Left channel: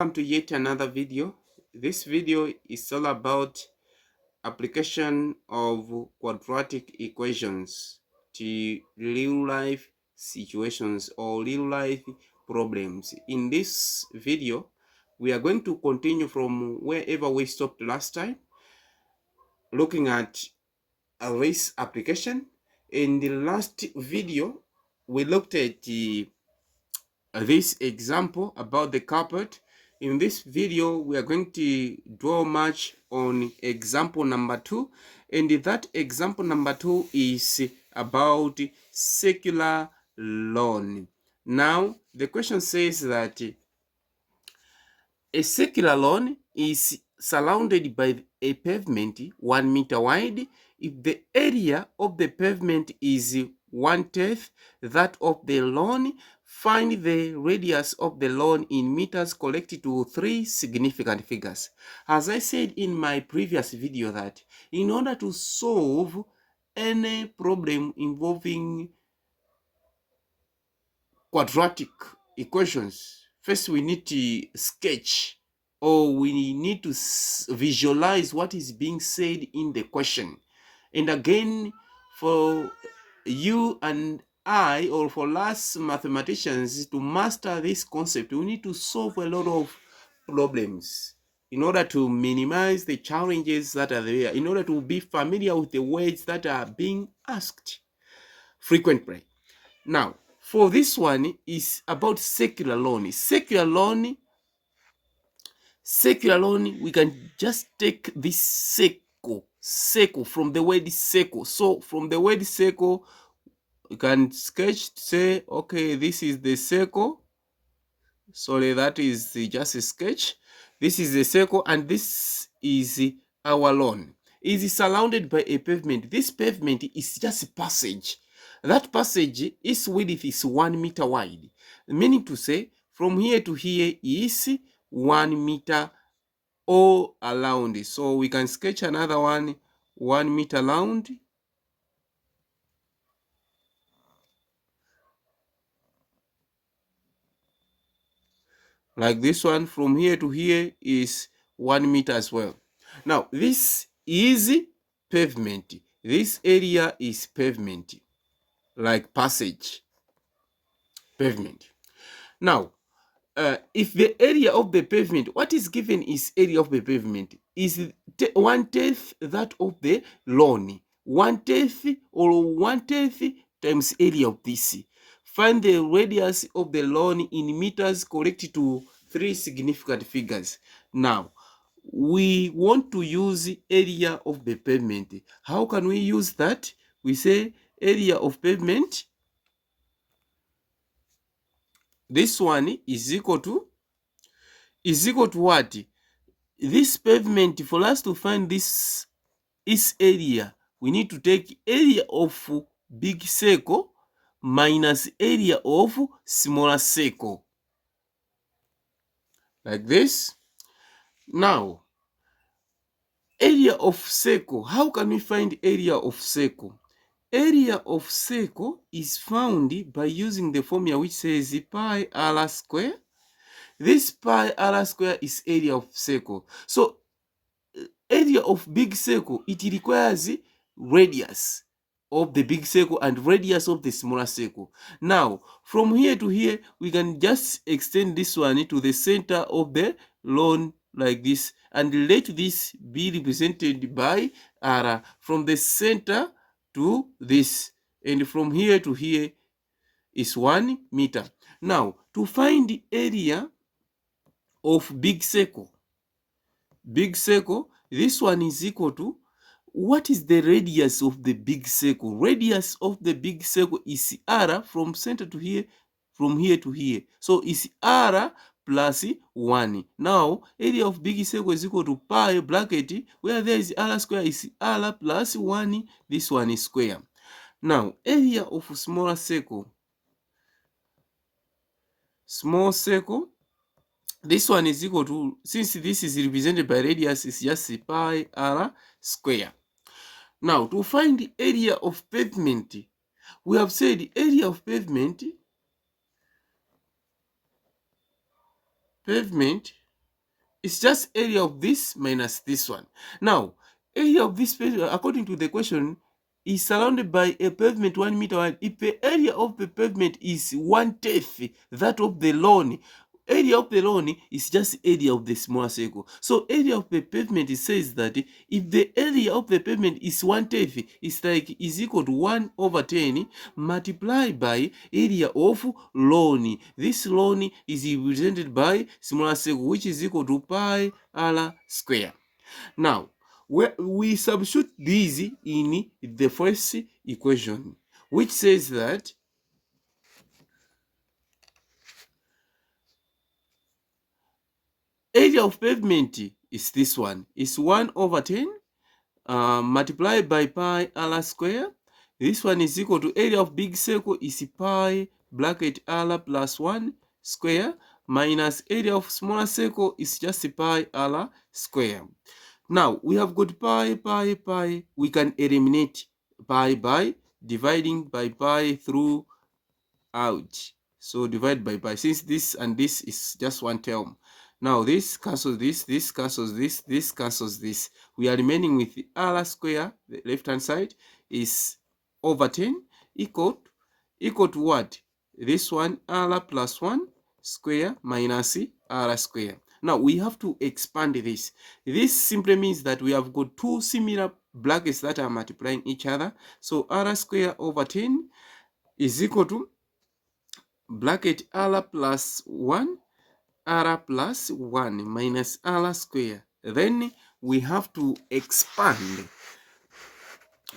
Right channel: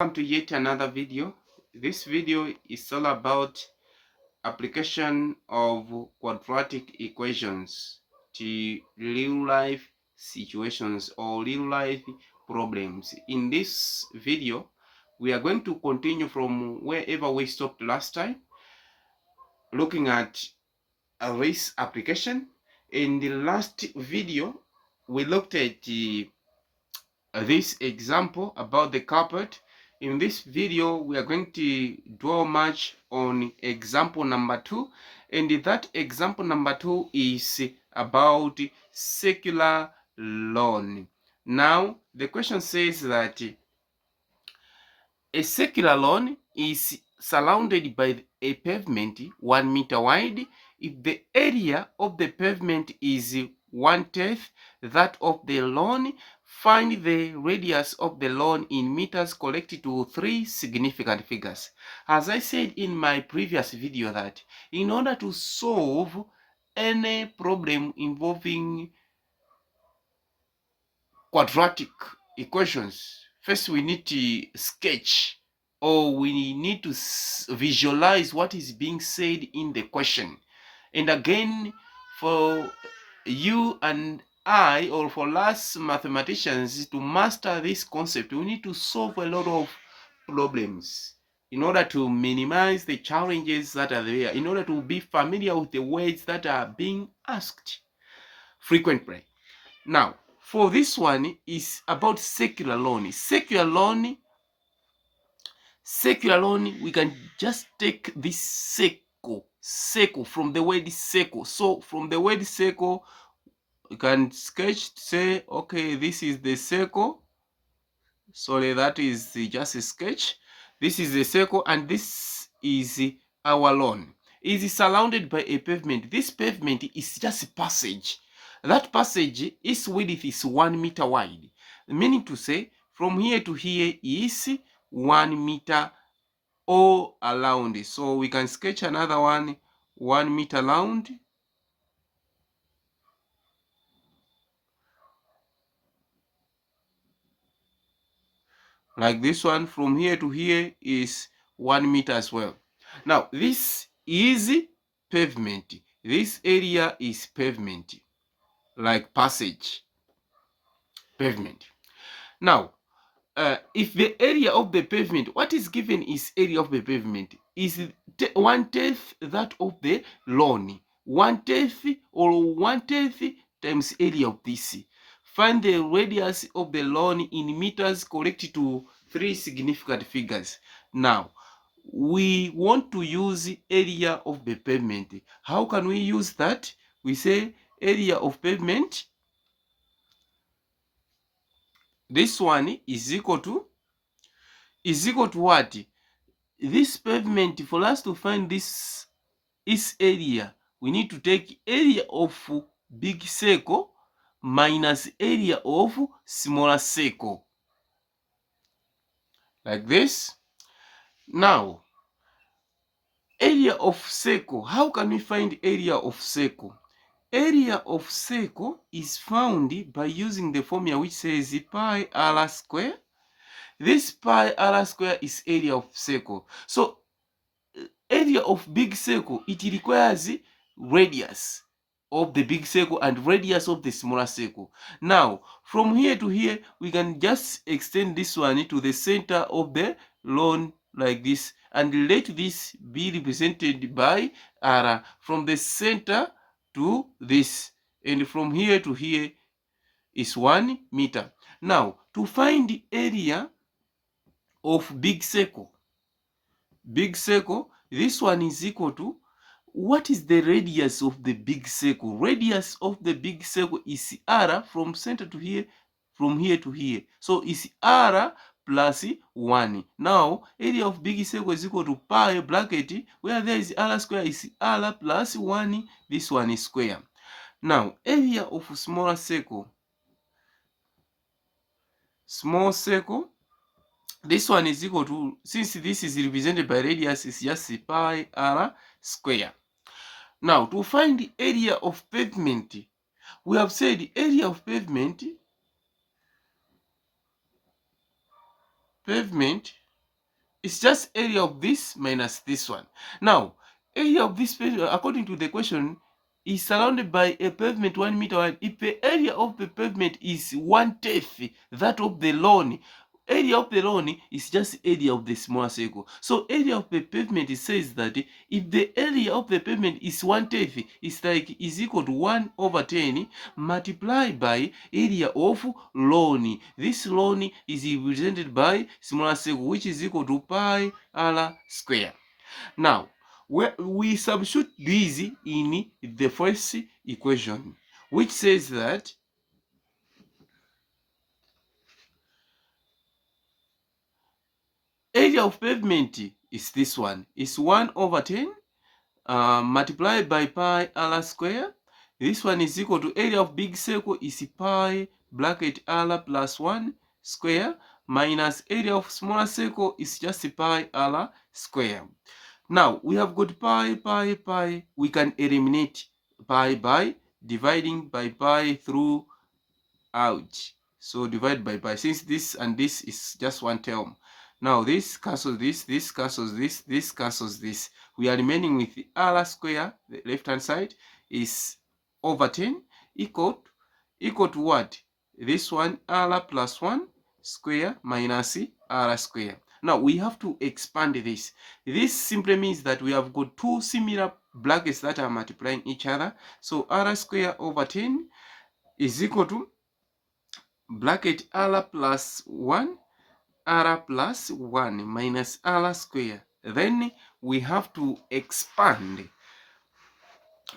Welcome to yet another video. This video is all about application of quadratic equations to real life situations or real life problems. In this video, we are going to continue from wherever we stopped last time, looking at this application. In the last video, we looked at this example about the carpet. In this video, we are going to draw much on example number 2, and that example number 2 is about circular lawn. Now, the question says that a circular lawn is surrounded by a pavement 1 meter wide if the area of the pavement is 1/10 that of the lawn. Find the radius of the lawn in meters collected to 3 significant figures. As I said in my previous video, that in order to solve any problem involving quadratic equations, first we need to sketch, or we need to visualize what is being said in the question. And again, for you and I, or for us mathematicians, to master this concept, we need to solve a lot of problems in order to minimize the challenges that are there, in order to be familiar with the words that are being asked frequently. Now, for this one is about circular lawn. Circular lawn, we can just take this circle from the word circle. So from the word circle, we can sketch, say, okay, this is the circle. Sorry, that is just a sketch. This is the circle, and this is our lawn. It is surrounded by a pavement. This pavement is just a passage. That passage, its width is 1 meter wide, meaning to say from here to here is 1 meter all around. So we can sketch another 1 meter round. Like this one, from here to here is 1 meter as well. Now, this is pavement. This area is pavement, like passage, pavement. Now, if the area of the pavement, what is given is area of the pavement, is 1/10 that of the lawn. 1/10 or 1/10 times area of this. Find the radius of the lawn in meters correct to 3 significant figures. Now, we want to use area of the pavement. How can we use that? We say area of pavement, this one is equal to what? This pavement, for us to find this area, we need to take area of big circle minus area of smaller circle, like this. Now, area of circle, how can we find area of circle? Area of circle is found by using the formula which says pi r square. This pi r square is area of circle. So area of big circle, it requires radius of the big circle and radius of the smaller circle. Now, from here to here, we can just extend this one to the center of the lawn like this, and let this be represented by r, from the center to this, and from here to here is 1 meter. Now, to find the area of big circle, this one is equal to, what is the radius of the big circle? Radius of the big circle is r, from center to here, from here to here. So it's r plus 1. Now, area of big circle is equal to pi bracket, where there is r square is r plus 1. This one is square. Now, area of smaller circle, small circle, this one is equal to, since this is represented by radius, is just pi r square. Now, to find the area of pavement, we have said the area of pavement It's just area of this minus this one. Now, area of this pavement, according to the question, is surrounded by a pavement 1 meter wide. If the area of the pavement is 1/10 that of the lawn, area of the lawn is just area of the smaller circle. So area of the pavement, it says that if the area of the pavement is 1/10, it's like is equal to 1/10 multiplied by area of lawn. This lawn is represented by smaller circle, which is equal to pi r square. Now, we substitute these in the first equation, which says that area of pavement is this one. It's 1/10 multiplied by pi r square. This one is equal to area of big circle is pi bracket r plus 1 square minus area of smaller circle is just pi r square. Now we have got pi. We can eliminate pi by dividing by pi through out. So divide by pi. Since this and this is just one term. Now this cancels this cancels this cancels this. We are remaining with the r square, the left hand side is over 10 equal to what? This one r plus 1 square minus r square. Now we have to expand this. This simply means that we have got two similar brackets that are multiplying each other. So r square over 10 is equal to bracket r plus 1 r plus 1 minus r square. Then we have to expand.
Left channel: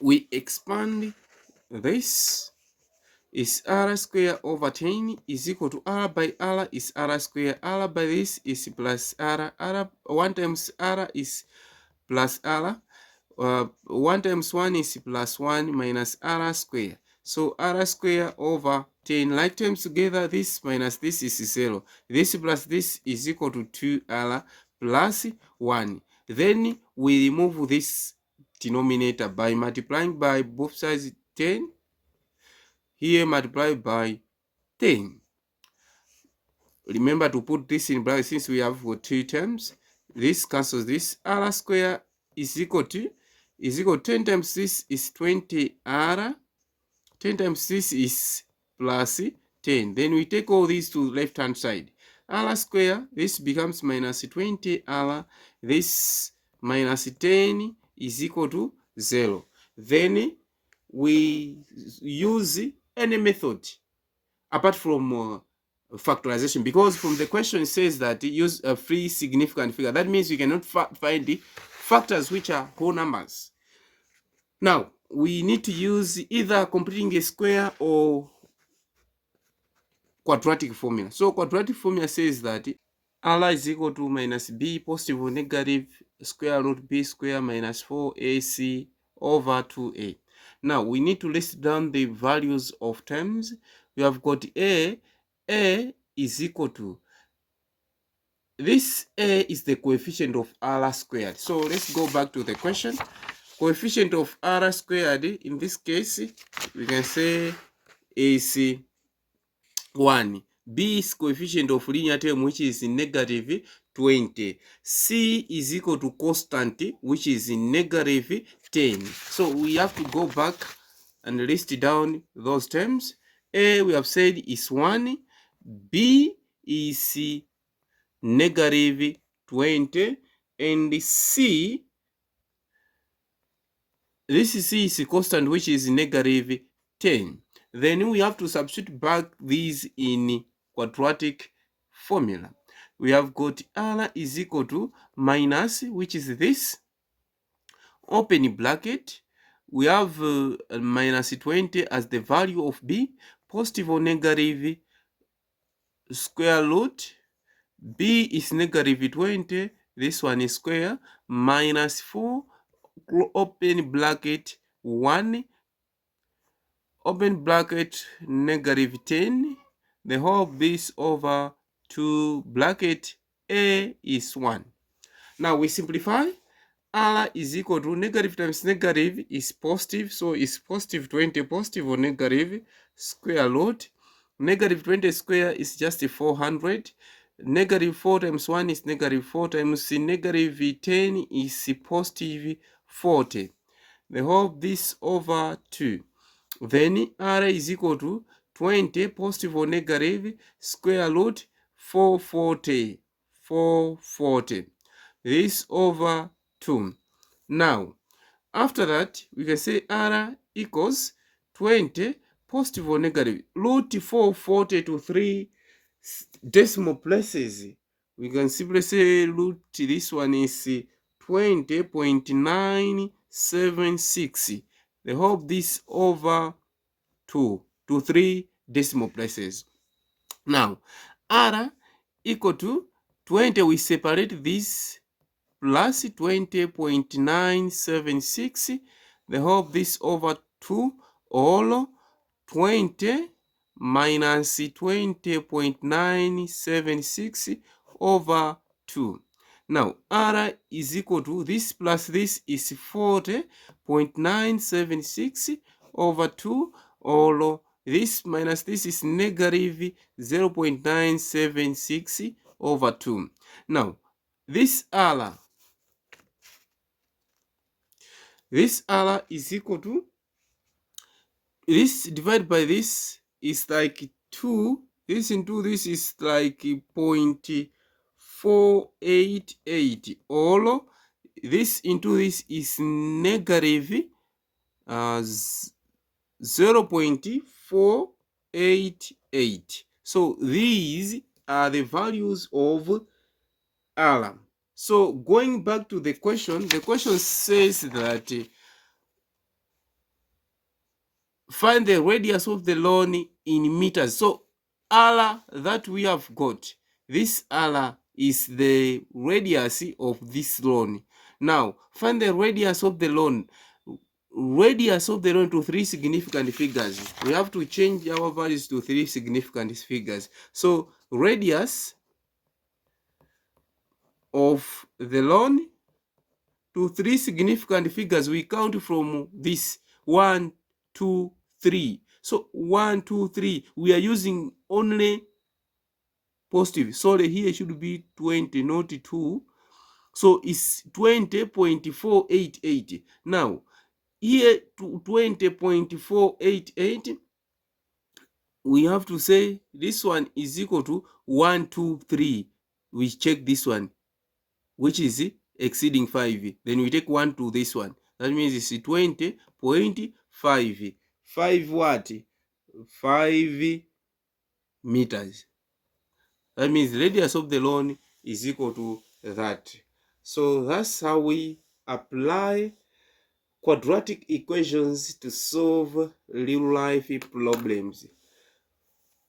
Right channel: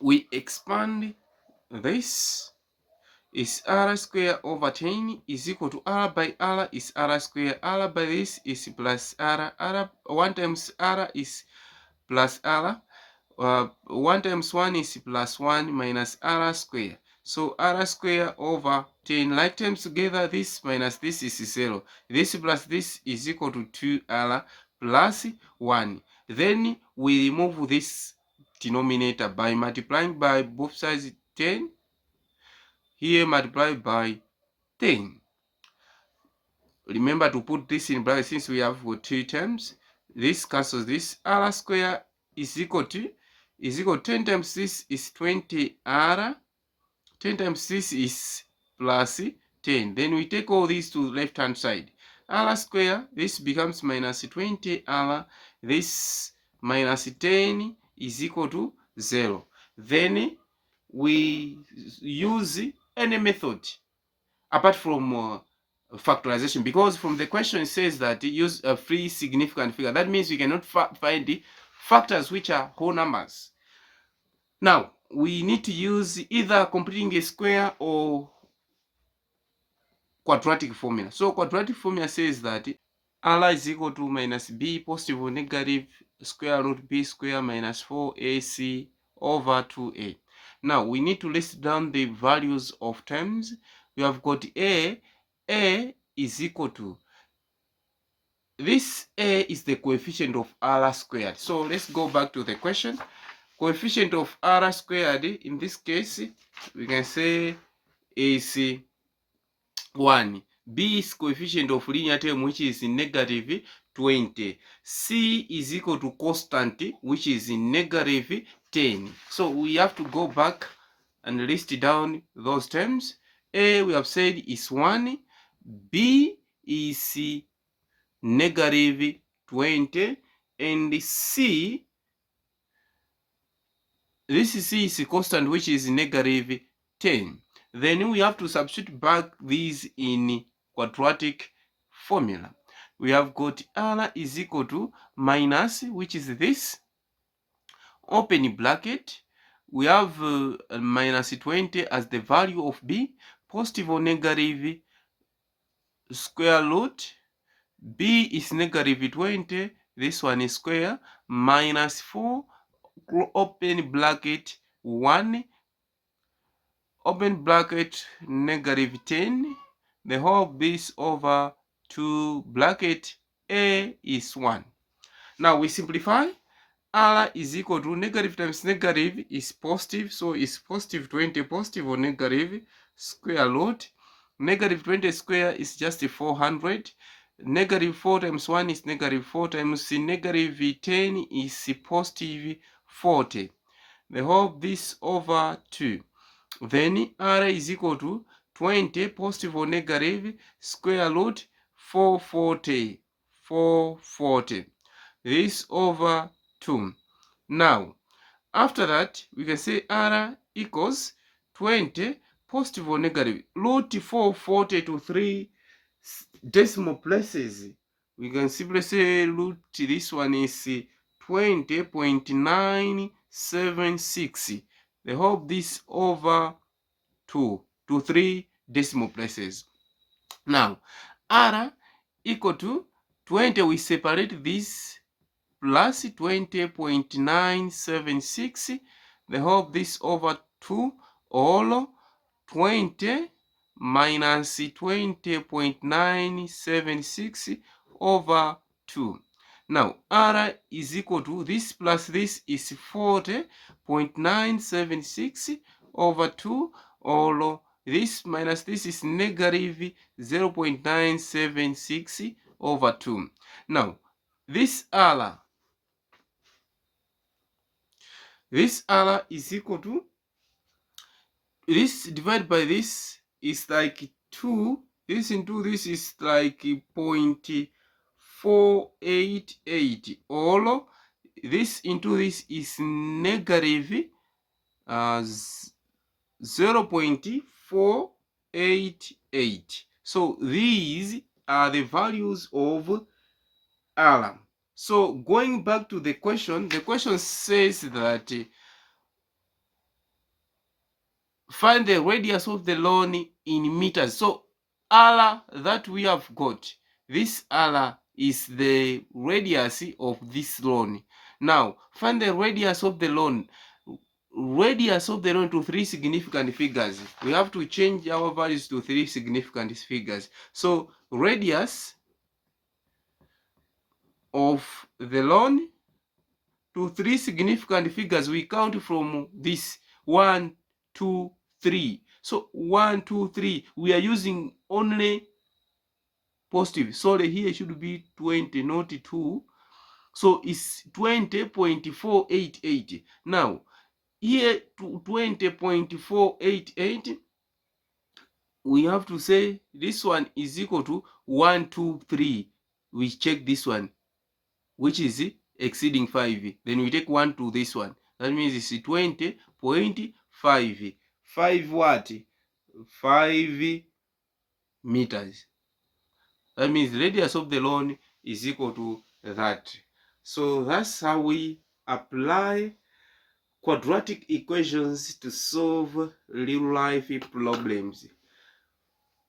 We expand this is r square over 10 is equal to r by r is r square. R by this is plus r. 1 times r is plus r. 1 times 1 is plus 1 minus r square. So r square over 10, like terms together, this minus this is 0. This plus this is equal to 2r plus 1. Then we remove this denominator by multiplying by both sides 10. Here multiply by 10. Remember to put this in bracket since we have 2 terms. This cancels this. R square is equal to 10 times this is 20r. 10 times this is plus 10. Then we take all these to left hand side. R square, this becomes minus 20r. This minus 10 is equal to 0. Then we use any method apart from factorization, because from the question it says that use a free significant figure. That means we cannot find the factors which are whole numbers. Now we need to use either completing a square or quadratic formula. So quadratic formula says that r is equal to minus b positive or negative square root b square minus 4ac over 2a. Now we need to list down the values of terms. We have got a is equal to, this a is the coefficient of r squared. So let's go back to the question. Coefficient of r squared in this case we can say is 1. B is coefficient of linear term, which is negative 20. C is equal to constant, which is negative 10. So we have to go back and list down those terms. A we have said is 1. B is negative 20. And C, this C is constant, which is negative 10. Then we have to substitute back these in quadratic formula. We have got r is equal to minus, which is this, open bracket. We have minus 20 as the value of b, positive or negative square root. B is negative 20, this one is square, minus 4, open bracket 1, open bracket negative 10, the whole of this over 2 bracket a is 1. Now we simplify. R is equal to negative times negative is positive, so it's positive 20 positive or negative square root. Negative 20 square is just 400. Negative 4 times 1 is negative 4 times negative 10 is positive 40. The whole this over 2. Then r is equal to 20 positive or negative square root 440. 440. This over 2. Now, after that, we can say r equals 20 positive or negative root 440 to 3 decimal places. We can simply say root this one is 20.976. They hope this over 2 to 3 decimal places. Now, r equal to 20, we separate this plus 20.976. They hope this over 2 all 20 minus 20.976 over 2. Now, r is equal to this plus this is 40.976 over 2, or this minus this is negative 0.976 over 2. Now, this r is equal to, this divided by this is like 2. This into this is like 0.488, or this into this is negative 0.488. So these are the values of r. So going back to the question says that find the radius of the lawn in meters. So r that we have got, this r is the radius of this lawn. Now find the radius of the lawn. Radius of the lawn to 3 significant figures. We have to change our values to 3 significant figures. So radius of the lawn to 3 significant figures, we count from this 1, 2, 3. So 1, 2, 3, we are using only positive. Sorry, here should be 20, not 2. So it's 20.488. Now, here to 20.488, we have to say this one is equal to 1, 2, 3. We check this one, which is exceeding 5. Then we take 1 to this one. That means it's 20.5. 5 what? 5 meters. That means radius of the lawn is equal to that. So that's how we apply quadratic equations to solve real life problems.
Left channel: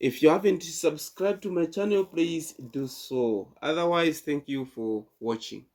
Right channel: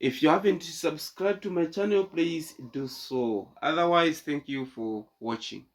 If you haven't subscribed to my channel, please do so. Otherwise, thank you for watching.